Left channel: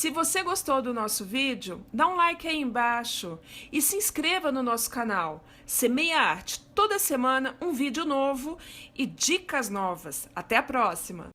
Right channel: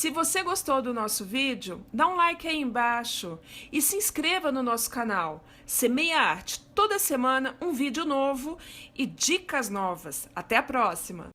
Se você gostou do nosso vídeo, dá um like aí embaixo e se inscreva no nosso canal. Semeia Arte, toda semana um vídeo novo e dicas novas. Até a próxima!